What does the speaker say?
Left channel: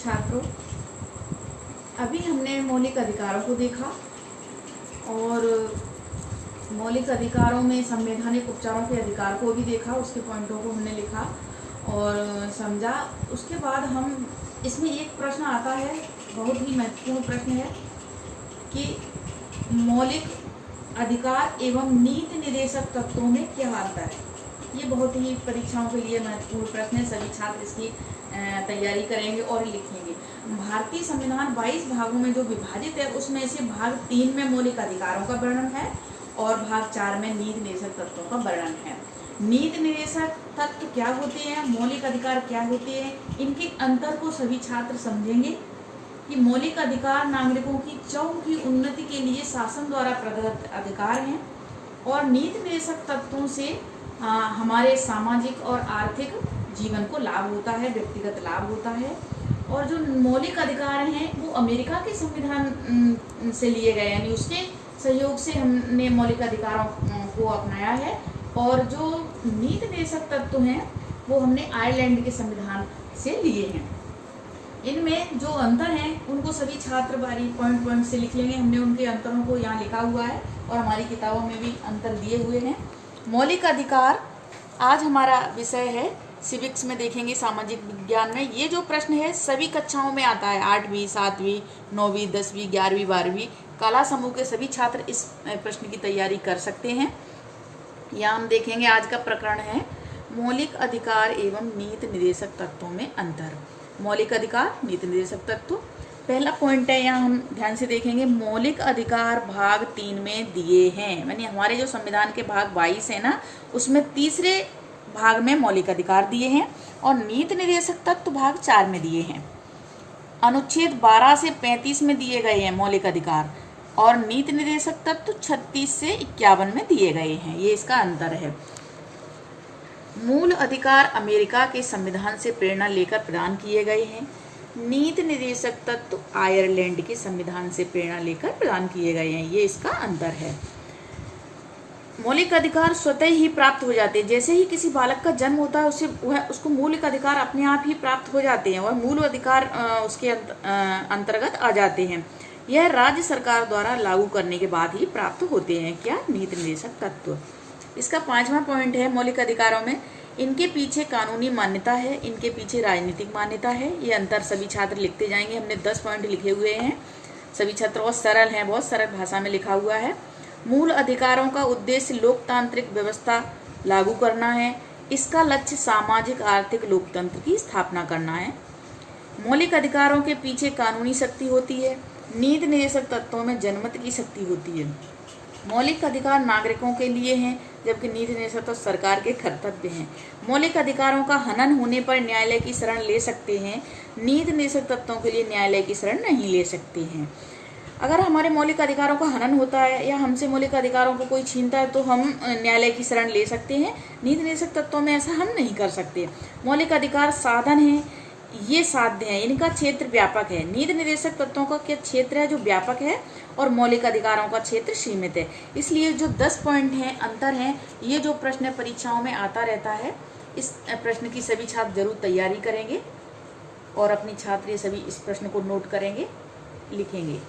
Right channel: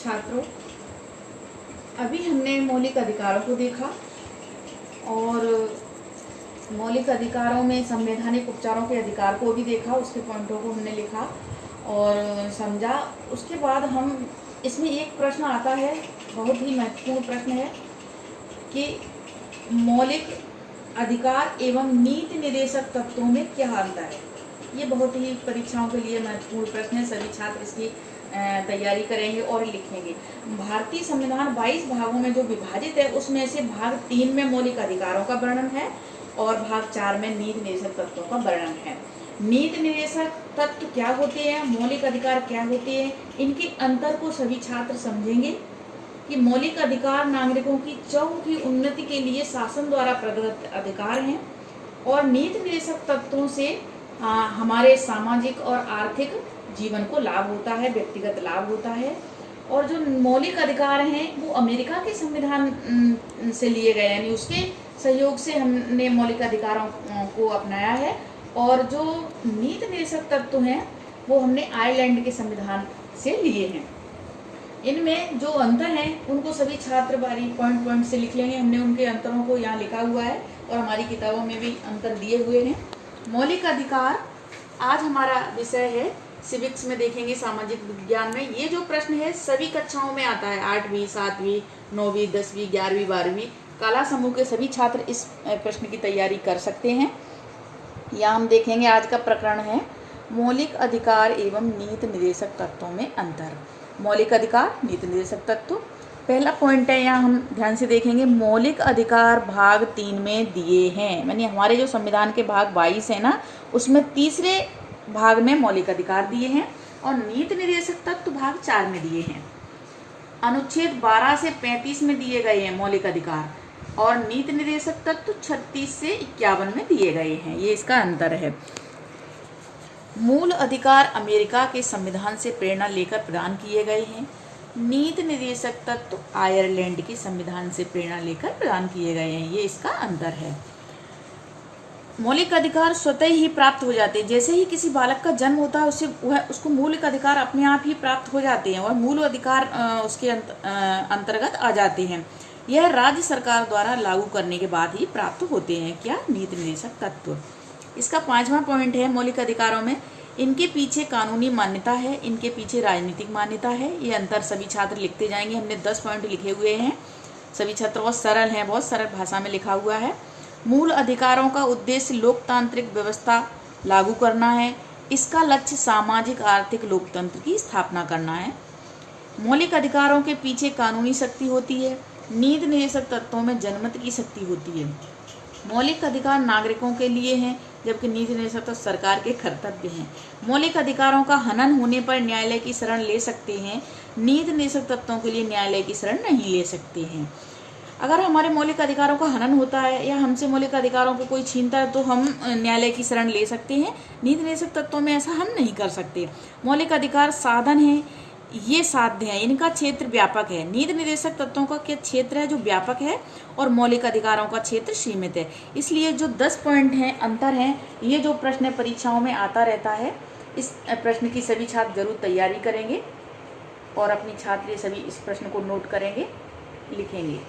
छात्रों, अभी हमने मौलिक अधिकारों को देखा और मौलिक अधिकारों में संवैधानिक उपचारों के अधिकार को भी देखा, उसके पॉइंटों को हमने लिखा और समझा। उसके बाद हम इसमें एक प्रश्न आता है, बहुत ही महत्वपूर्ण प्रश्न है कि मौलिक अधिकार एवं नीति निर्देशक तत्वों में क्या अंतर है। ये बहुत ही परीक्षाओं के लिए महत्वपूर्ण प्रश्न है। सभी छात्र इसकी तैयारी करेंगे और लिखेंगे। भारतीय संविधान 22 भागों में जो विभाजित है, उसमें से भाग 3 में मौलिक अधिकारों का वर्णन है और भाग 4 में नीति निर्देशक तत्वों का वर्णन है। नीति निर्देशक तत्व क्या होते हैं, मौलिक अधिकार क्या होते हैं, इनके अंतर को सभी छात्र समझेंगे कि मौलिक अधिकार नागरिकों की चहुमुखी उन्नति के लिए शासन द्वारा प्रदत्त अधिकार हैं और नीति निर्देशक तत्वों से हमारे सामाजिक और आर्थिक जीवन को लाभ होता है, व्यक्तिगत लाभ होता है। और जो मौलिक अधिकार हैं वो अमेरिका के संविधान से लिए गए, यानी उसके सहयोग से हमने मौलिक अधिकारों को अपनाया है। और जो नीति निर्देशक तत्व हैं वो हमने आयरलैंड के संविधान से लिए हैं। इनमें जो अंतर हैं उनको सभी छात्र बारी पॉइंट से लिख लेंगे। हमने उनके अंतरों को यहाँ लिखा हुआ है और हमारी किताबों में भी अंतर दिए हुए हैं। मौलिक अधिकार आज हमारा विषय है, सिविक्स में देखेंगे, सामाजिक विज्ञान में। ये जो प्रश्न है सभी कक्षाओं में आता है, 8वीं 7वीं 9वीं 10वीं 11वीं 12वीं कला समूह के सभी छात्र इस प्रश्न की तैयारी कर सकते हैं। यहाँ हम देखेंगे, आज का प्रकरण है मौलिक अधिकार एवं नीति निर्देशक तत्वों में अंतर। मौलिक अधिकार, नीति निर्देशक तत्व। पहला पॉइंट है, यहाँ हम ध्यान से देखेंगे, मौलिक अधिकार भाग 3 में दिए हैं। यानी हमारे जो संविधान के भाग 22 है ना, उसमें तीसरे भाग में मौलिक अधिकार दिए हैं और नीति निर्देशक तत्व भाग 4 में दिए हैं। अनुच्छेद 12 से 35 में दिए गए हैं मौलिक अधिकार और नीति निर्देशक तत्व 36 से 51 में दिए गए हैं। ये इसका अंतर है। मूल अधिकार अमेरिका के संविधान से प्रेरणा लेकर प्रदान किए गए हैं। नीति निर्देशक तत्व आयरलैंड के संविधान से प्रेरणा लेकर प्रदान किए गए हैं। ये इसका अंतर है। मौलिक अधिकार स्वतः ही प्राप्त हो जाते हैं। जैसे ही किसी बालक का जन्म होता है उसको मौलिक अधिकार अपने आप ही प्राप्त हो जाते हैं और मूल अधिकार उसके अंतर्गत आ जाते हैं। यह राज्य सरकार द्वारा लागू करने के बाद ही प्राप्त होते हैं। क्या? नीति निर्देशक तत्व। इसका 5वां पॉइंट है, मौलिक अधिकारों में इनके पीछे कानूनी मान्यता है, इनके पीछे राजनीतिक मान्यता है। ये अंतर सभी छात्र लिखते जाएंगे। हमने 10 पॉइंट लिखे हुए हैं। सभी छात्र बहुत सरल हैं, बहुत सरल भाषा में लिखा हुआ है। मूल अधिकारों का उद्देश्य लोकतांत्रिक व्यवस्था लागू करना है। इसका लक्ष्य सामाजिक आर्थिक लोकतंत्र की स्थापना करना है। मौलिक अधिकारों के पीछे कानूनी शक्ति होती है। नीति निर्देशक तत्वों में जनमत की शक्ति होती है। मौलिक अधिकार नागरिकों के लिए हैं, जबकि नीति निर्देशक तत्व सरकार के कर्तव्य हैं। मौलिक अधिकारों का हनन होने पर न्यायालय की शरण ले सकते हैं। नीति निर्देशक तत्वों के लिए न्यायालय की शरण नहीं ले सकते हैं। अगर हमारे मौलिक अधिकारों का हनन होता है या हमसे मौलिक अधिकारों को कोई छीनता है तो हम न्यायालय की शरण ले सकते हैं। नीति निर्देशक तत्वों में ऐसा हम नहीं कर सकते। मौलिक अधिकार साधन है, ये साध्य है, इनका क्षेत्र व्यापक है। नीति निर्देशक तत्वों का क्या क्षेत्र है जो व्यापक है और मौलिक अधिकारों का क्षेत्र सीमित है। इसलिए जो 10 पॉइंट हैं, अंतर हैं, ये जो प्रश्न परीक्षाओं में आता रहता है, इस प्रश्न की सभी छात्र जरूर तैयारी करेंगे और अपनी छात्र सभी इस प्रश्न को नोट करेंगे, लिखेंगे।